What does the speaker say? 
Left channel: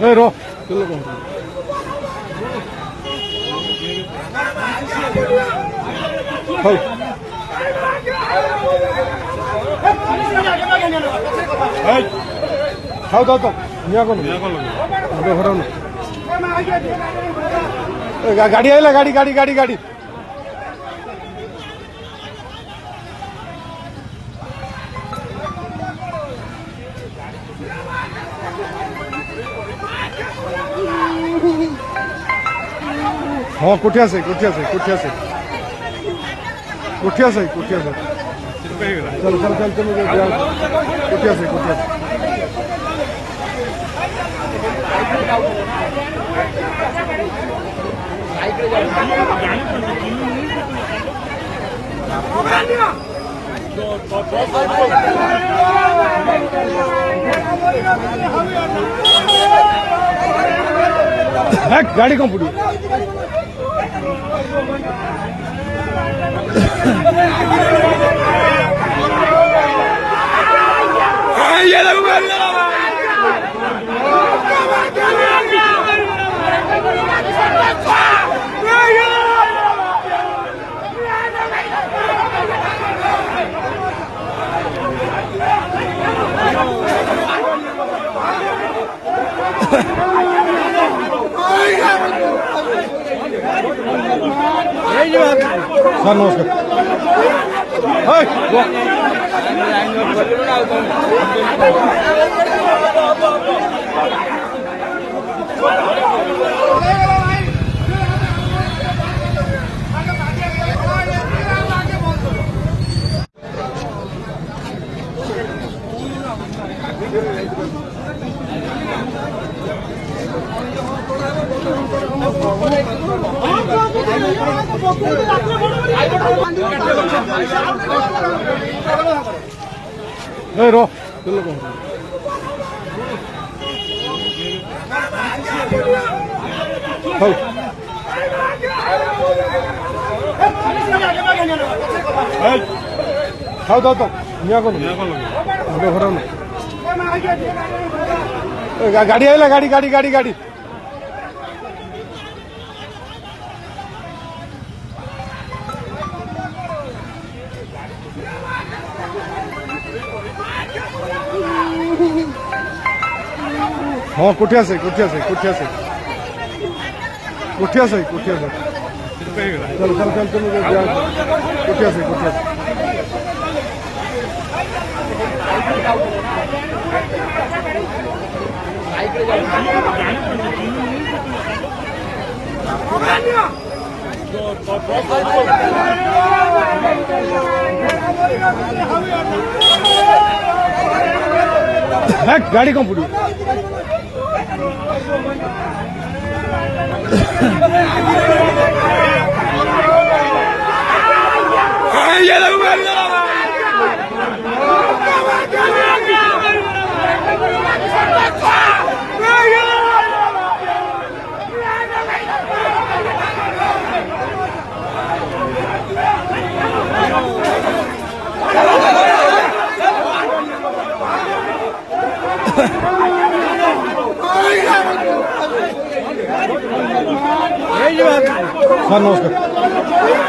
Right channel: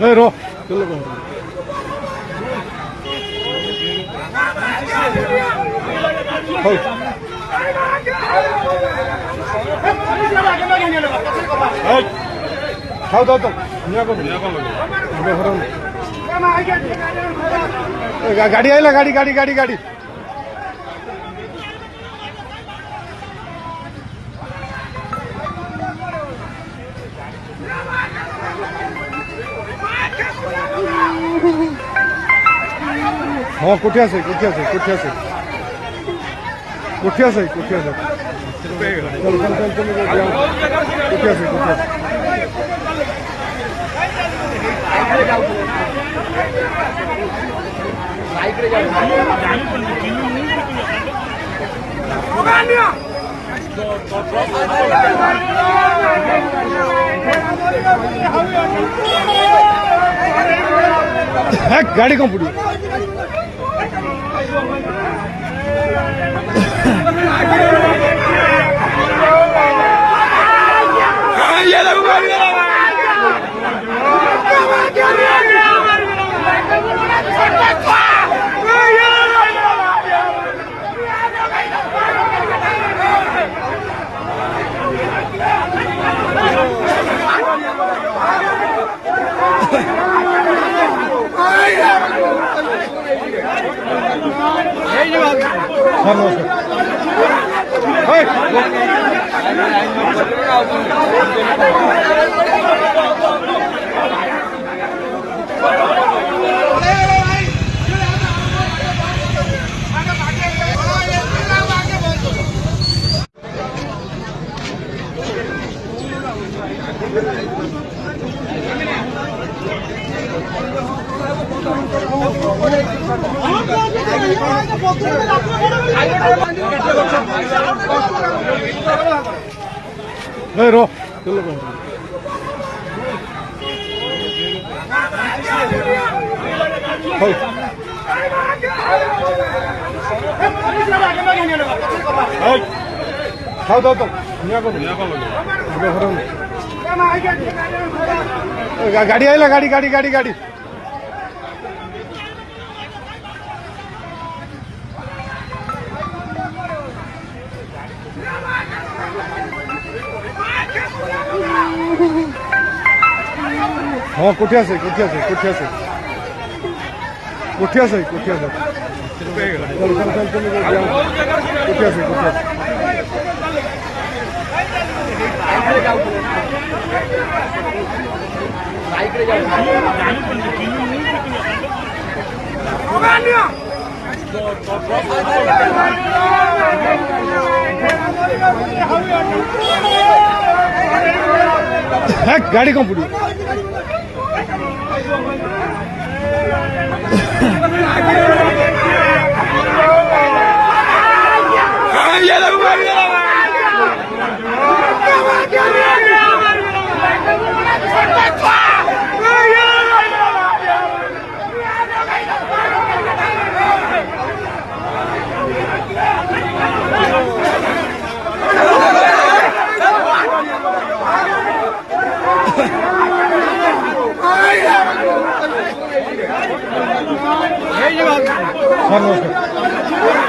रो चलो कौन खाओ दाओ तो गाड़ी आइला गाड़ी गाड़ी गाड़ी गाड़ी हाँ कोठिया से कोठिया से कोठिया से कोठिया से कोठिया से चल चल चल चल कोठिया से कोठिया से गाड़ी कौन पड़ी सर रो चलो कौन खाओ दाओ तो गाड़ी आइला गाड़ी गाड़ी गाड़ी गाड़ी हाँ कोठिया से कोठिया से कोठिया से कोठिया से कोठिया से चल चल चल चल कोठिया से कोठिया से गाड़ी कौन पड़ी सर नमस्कार